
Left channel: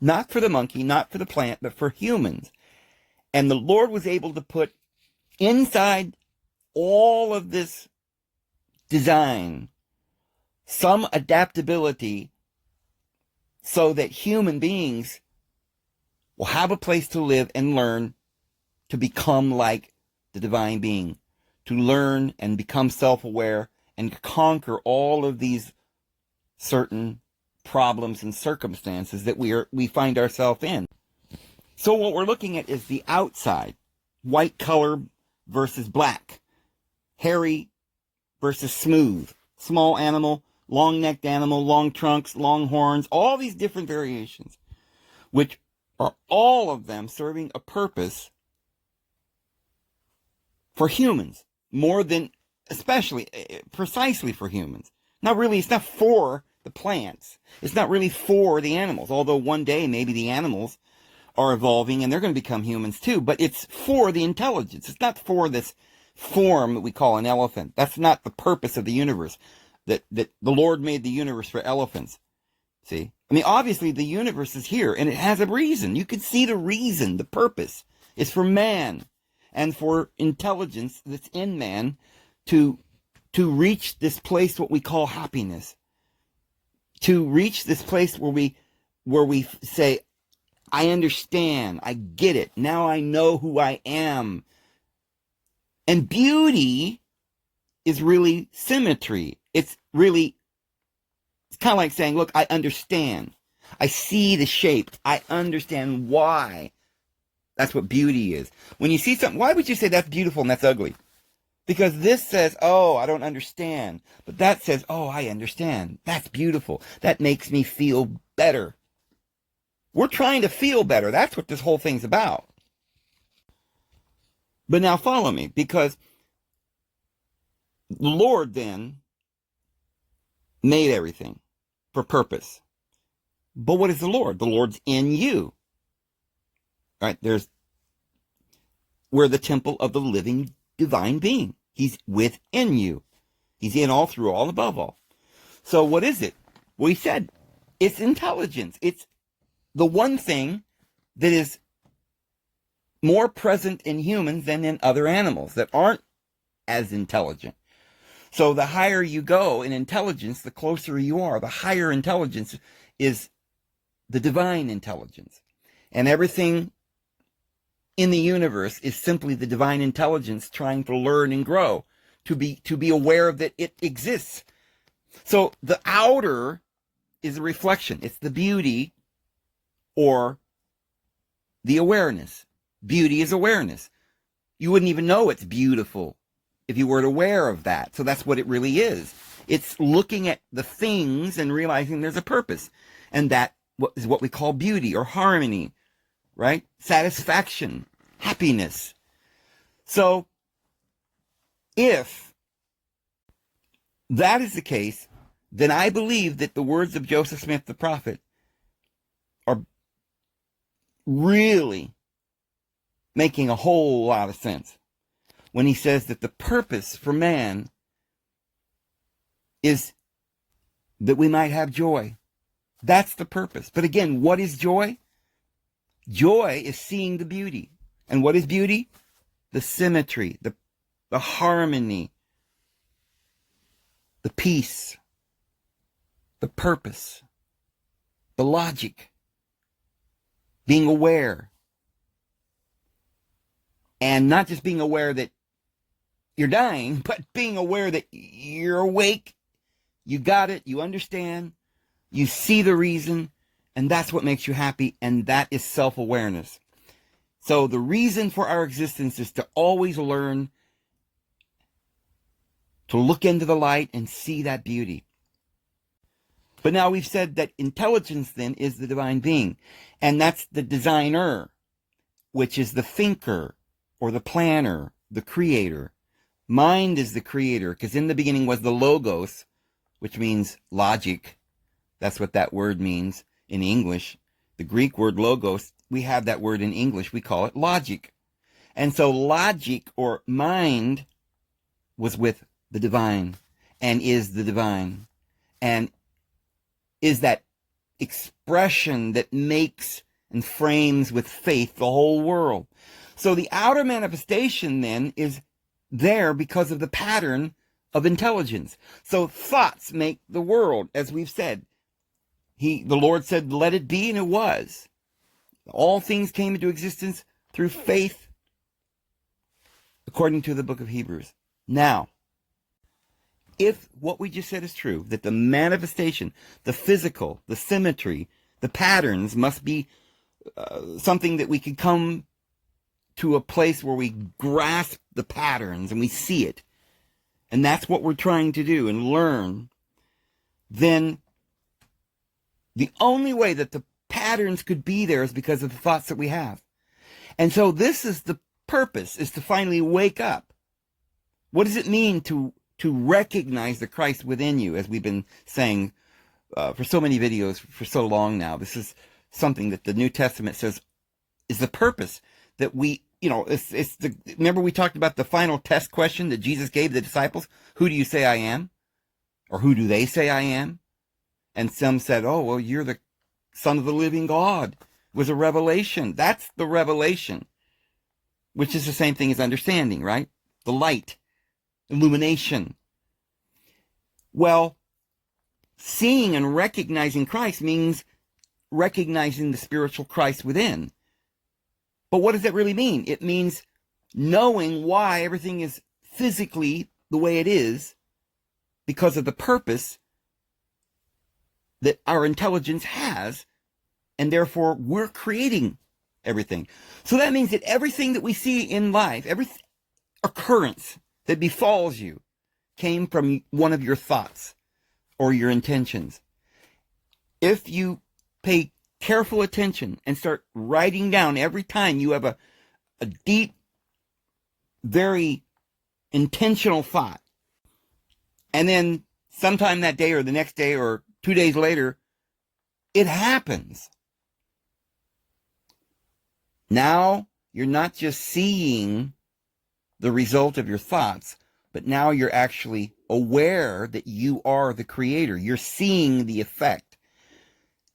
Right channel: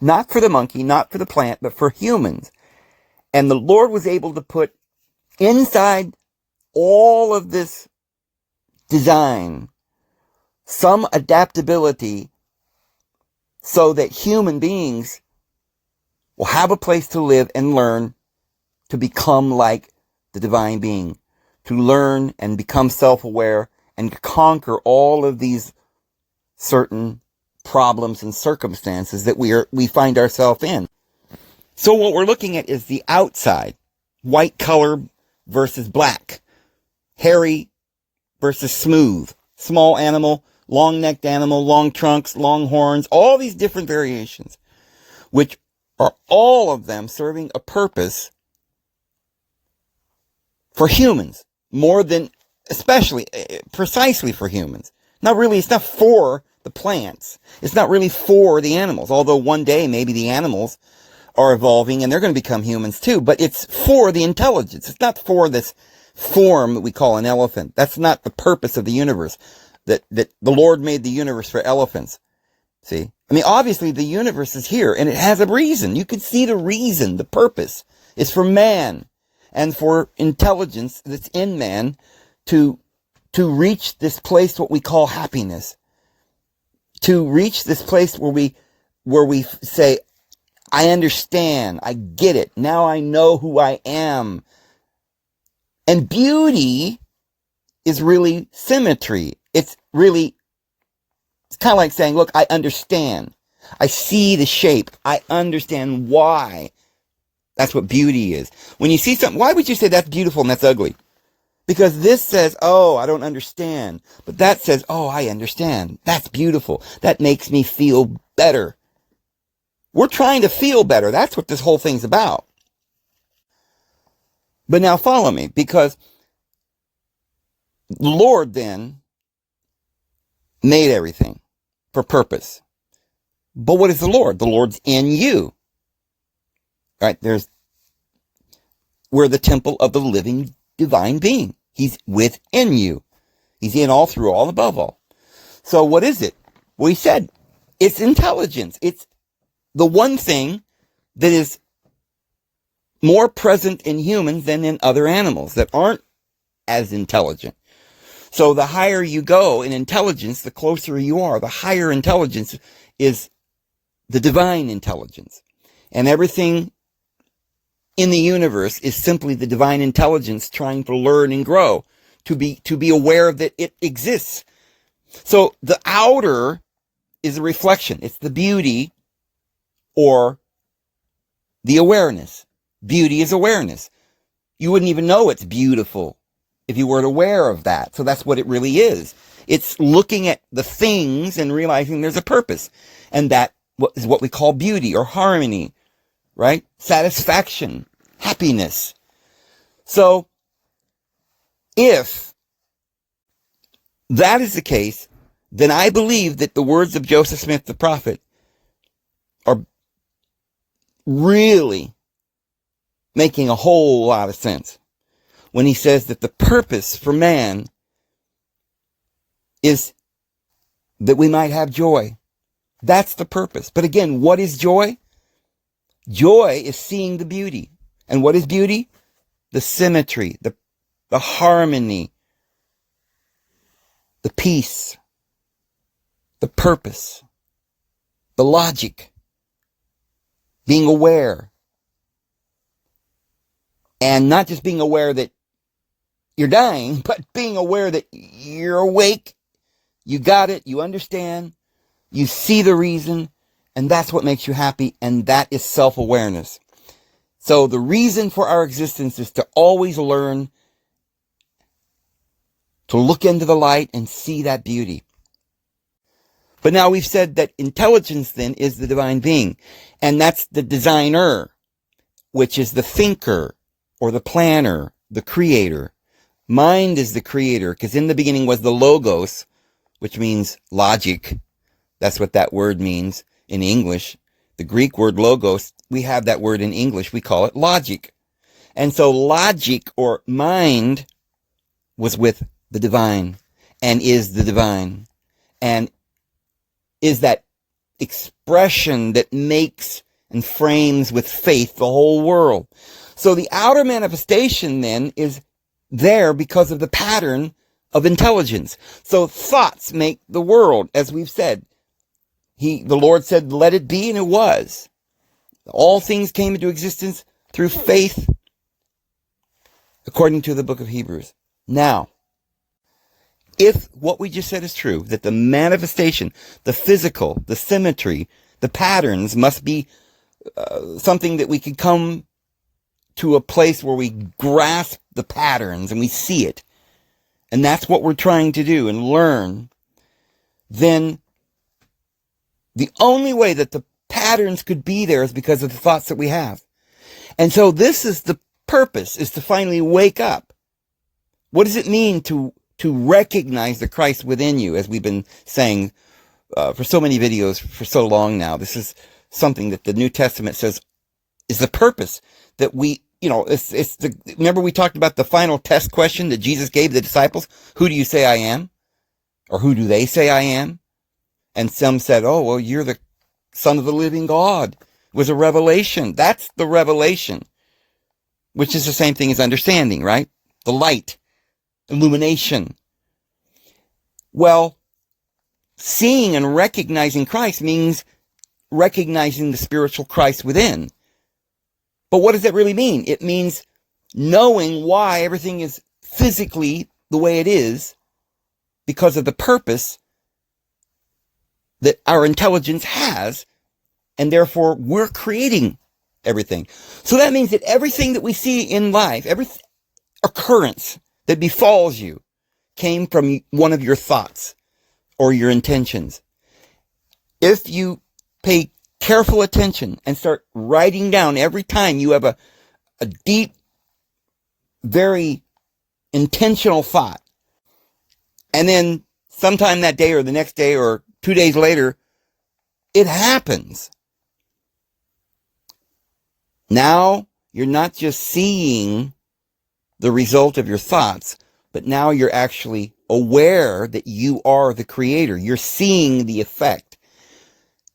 not for the monkey, not for the plant, but for humans. And the Lord was able to put inside all of this design some adaptability so that human beings will have a place to live and learn to become like the divine being, to learn and become self-aware and conquer all of these certain problems and circumstances that we find ourselves in. So what we're looking at is the outside, white color versus black, hairy versus smooth, small animal, long-necked animal, long trunks, long horns, all these different variations, which are all of them serving a purpose for humans, more than, especially, precisely for humans. Not really, it's not for the plants. It's not really for the animals, although one day maybe the animals are evolving and they're going to become humans too, but it's for the intelligence. It's not for this form that we call an elephant. That's not the purpose of the universe. That the Lord made the universe for elephants. See? I mean, obviously the universe is here and it has a reason. You can see the reason, the purpose is for man and for intelligence that's in man to reach this place, what we call happiness. To reach this place where we say, I understand, I get it, now I know who I am. And beauty is really symmetry. It's kind of like saying, look, I understand. I see the shape. I understand why. That's what beauty is. When you see something, why would you say that's beautiful and that's ugly? Because this says, oh, I don't understand. But that says, oh, I understand. That's beautiful. That makes me feel better. We're trying to feel better. That's what this whole thing's about. But now follow me, because the Lord then made everything for purpose. But what is the Lord? The Lord's in you. right? We're the temple of the living divine being. He's within you. He's in all, through all, above all. So what is it? We said it's intelligence. It's the one thing that is more present in humans than in other animals that aren't as intelligent. So the higher you go in intelligence, the closer you are. The higher intelligence is the divine intelligence. And everything in the universe is simply the divine intelligence trying to learn and grow, to be aware that it exists. So the outer is a reflection. It's the beauty or the awareness. Beauty is awareness. You wouldn't even know it's beautiful if you weren't aware of that. So that's what it really is. It's looking at the things and realizing there's a purpose. And that is what we call beauty or harmony, right? Satisfaction, happiness. So if that is the case, then I believe that the words of Joseph Smith the prophet are really making a whole lot of sense when he says that the purpose for man is that we might have joy. That's the purpose. But again, what is joy? Joy is seeing the beauty. And what is beauty? The symmetry, the harmony, the peace, the purpose, the logic, being aware. And not just being aware that you're dying, but being aware that you're awake, you got it, you understand, you see the reason, and that's what makes you happy, and that is self-awareness. So the reason for our existence is to always learn to look into the light and see that beauty. But now we've said that intelligence then is the divine being, and that's the designer, which is the thinker or the planner, the creator. Mind is the creator, because in the beginning was the logos, which means logic. That's what that word means in English. The Greek word logos, we have that word in English. We call it logic. And so logic or mind was with the divine and is the divine and is that expression that makes and frames with faith the whole world. So the outer manifestation then is there because of the pattern of intelligence. So thoughts make the world, as we've said. The Lord said, let it be, and it was. All things came into existence through faith, according to the book of Hebrews. Now, if what we just said is true, that the manifestation, the physical, the symmetry, the patterns must be something that we could come to a place where we grasp the patterns and we see it, and that's what we're trying to do and learn, then the only way that the patterns could be there is because of the thoughts that we have. And so this is the purpose, is to finally wake up. What does it mean to recognize the Christ within you, as we've been saying for so many videos for so long now? This is something that the New Testament says is the purpose that we, remember we talked about the final test question that Jesus gave the disciples? Who do you say I am? Or who do they say I am? And some said, oh, well, you're the Son of the living God. It was a revelation. That's the revelation, which is the same thing as understanding, right? The light, illumination. Well, seeing and recognizing Christ means recognizing the spiritual Christ within. But what does that really mean? It means knowing why everything is physically the way it is because of the purpose that our intelligence has, and therefore we're creating everything. So that means that everything that we see in life, every occurrence that befalls you, came from one of your thoughts or your intentions. If you pay careful attention and start writing down every time you have a deep, very intentional thought, and then sometime that day or the next day or 2 days later, it happens. Now you're not just seeing the result of your thoughts, but now you're actually aware that you are the creator. You're seeing the effect,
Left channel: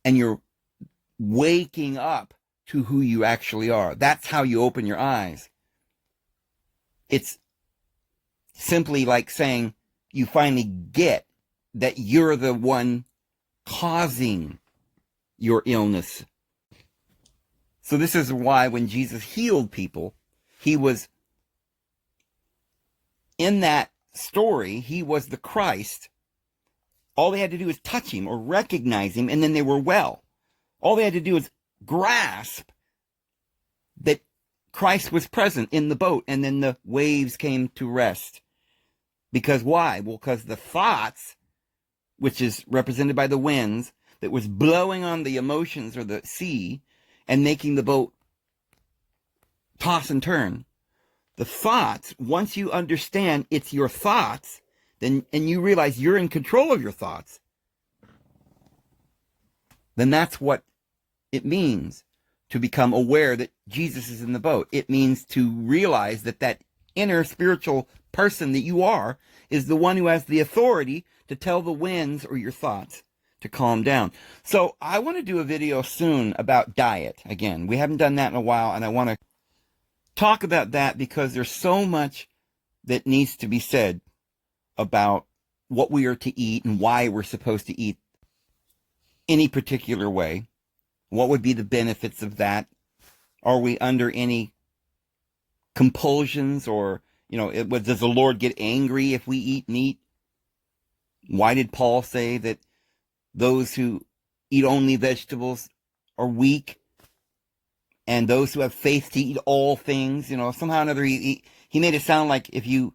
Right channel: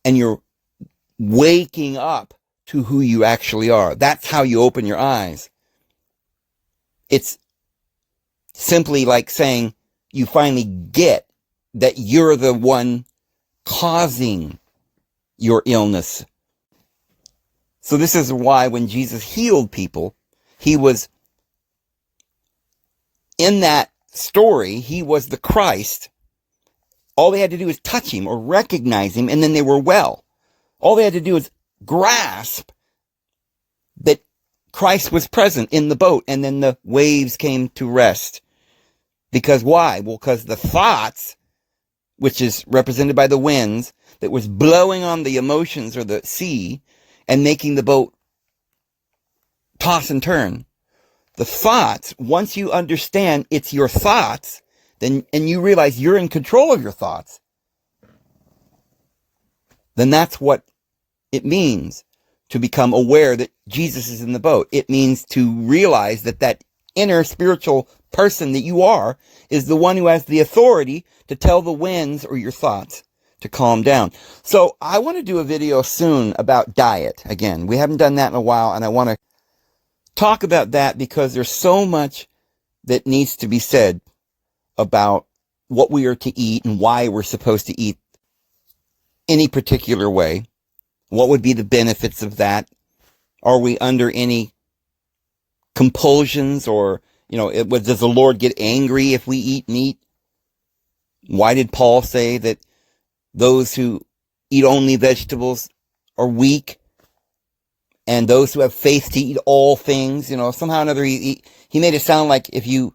and you're waking up to who you actually are. That's how you open your eyes. It's simply like saying you finally get that you're the one causing your illness. So this is why when Jesus healed people, he was, in that story, he was the Christ. All they had to do was touch him or recognize him, and then they were well. All they had to do was grasp that Christ was present in the boat, and then the waves came to rest. Because why? Well, because the thoughts, which is represented by the winds, that was blowing on the emotions or the sea and making the boat toss and turn. The thoughts, once you understand it's your thoughts, then, and you realize you're in control of your thoughts, then that's what it means to become aware that Jesus is in the boat. It means to realize that that inner spiritual person that you are is the one who has the authority to tell the winds or your thoughts to calm down. So I want to do a video soon about diet. Again, we haven't done that in a while, and I want to talk about that because there's so much that needs to be said about what we are to eat and why we're supposed to eat any particular way. What would be the benefits of that? Are we under any compulsions, or, does the Lord get angry if we eat meat? Why did Paul say that those who eat only vegetables are weak, and those who have faith to eat all things? Somehow or another, he made it sound like if you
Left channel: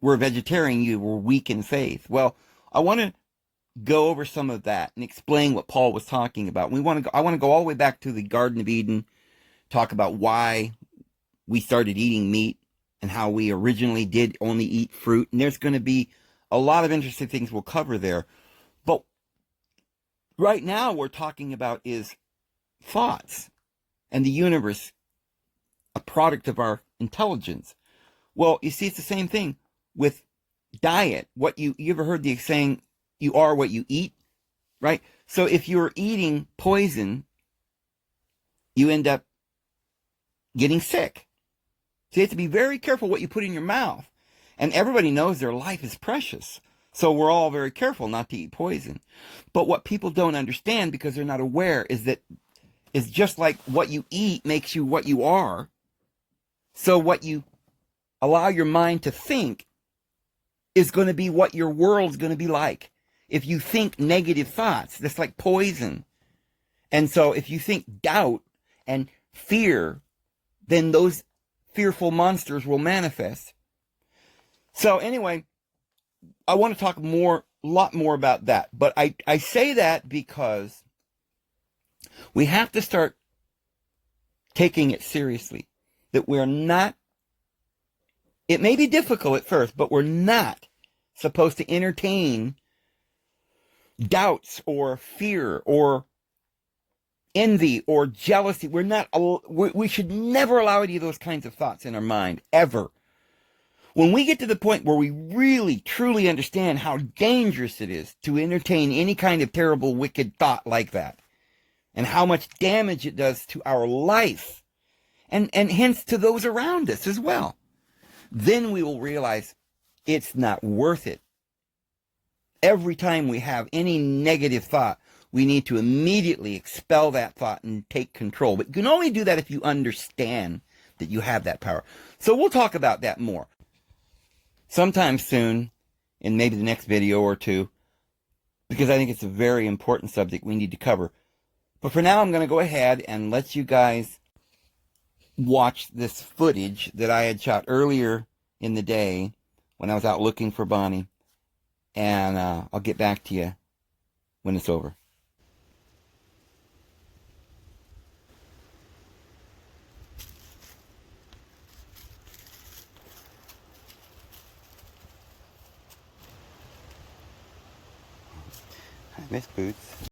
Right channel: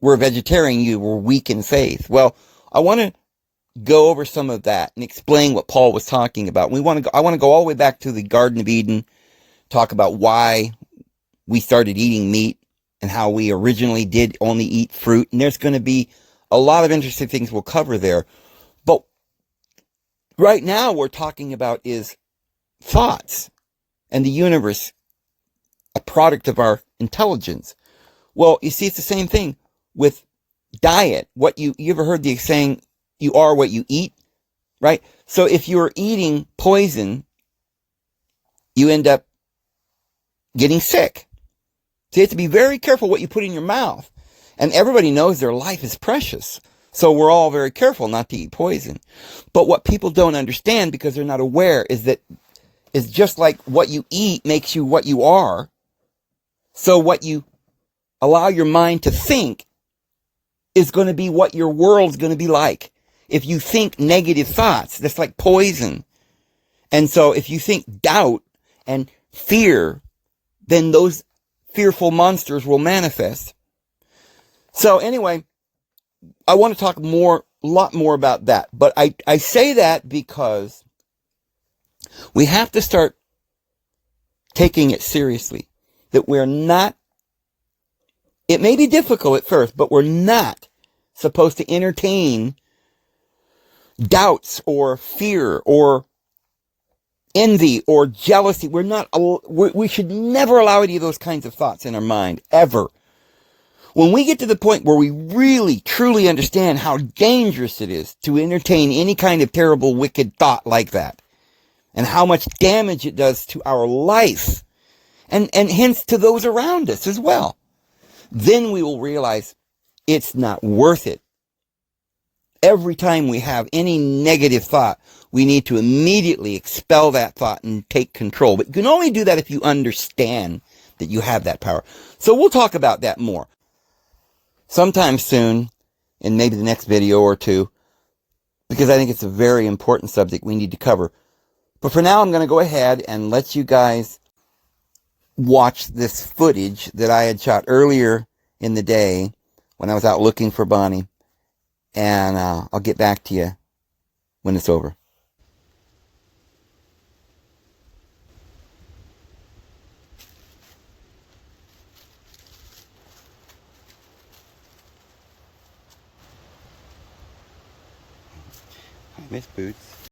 were a vegetarian, you were weak in faith. Well, I want to go over some of that and explain what Paul was talking about. I want to go all the way back to the Garden of Eden, talk about why we started eating meat and how we originally did only eat fruit. And there's going to be a lot of interesting things we'll cover there. But right now we're talking about is thoughts and the universe, a product of our intelligence. Well, you see, it's the same thing with diet. What you ever heard the saying, you are what you eat, right? So if you're eating poison, you end up getting sick. So you have to be very careful what you put in your mouth. And everybody knows their life is precious. So we're all very careful not to eat poison. But what people don't understand, because they're not aware, is that it's just like what you eat makes you what you are. So what you allow your mind to think is going to be what your world's going to be like. If you think negative thoughts, that's like poison. And so if you think doubt and fear, then those fearful monsters will manifest. So anyway, I want to talk a lot more about that. But I say that because we have to start taking it seriously. That we're not, it may be difficult at first, but we're not supposed to entertain doubts or fear or envy or jealousy. We should never allow any of those kinds of thoughts in our mind, ever. When we get to the point where we really, truly understand how dangerous it is to entertain any kind of terrible, wicked thought like that, and how much damage it does to our life, and hence to those around us as well, then we will realize it's not worth it. Every time we have any negative thought, we need to immediately expel that thought and take control. But you can only do that if you understand that you have that power. So we'll talk about that more sometime soon, in maybe the next video or two, because I think it's a very important subject we need to cover. But for now, I'm going to go ahead and let you guys watch this footage that I had shot earlier in the day when I was out looking for Bonnie. And I'll get back to you when it's over. Hi, Miss Boots.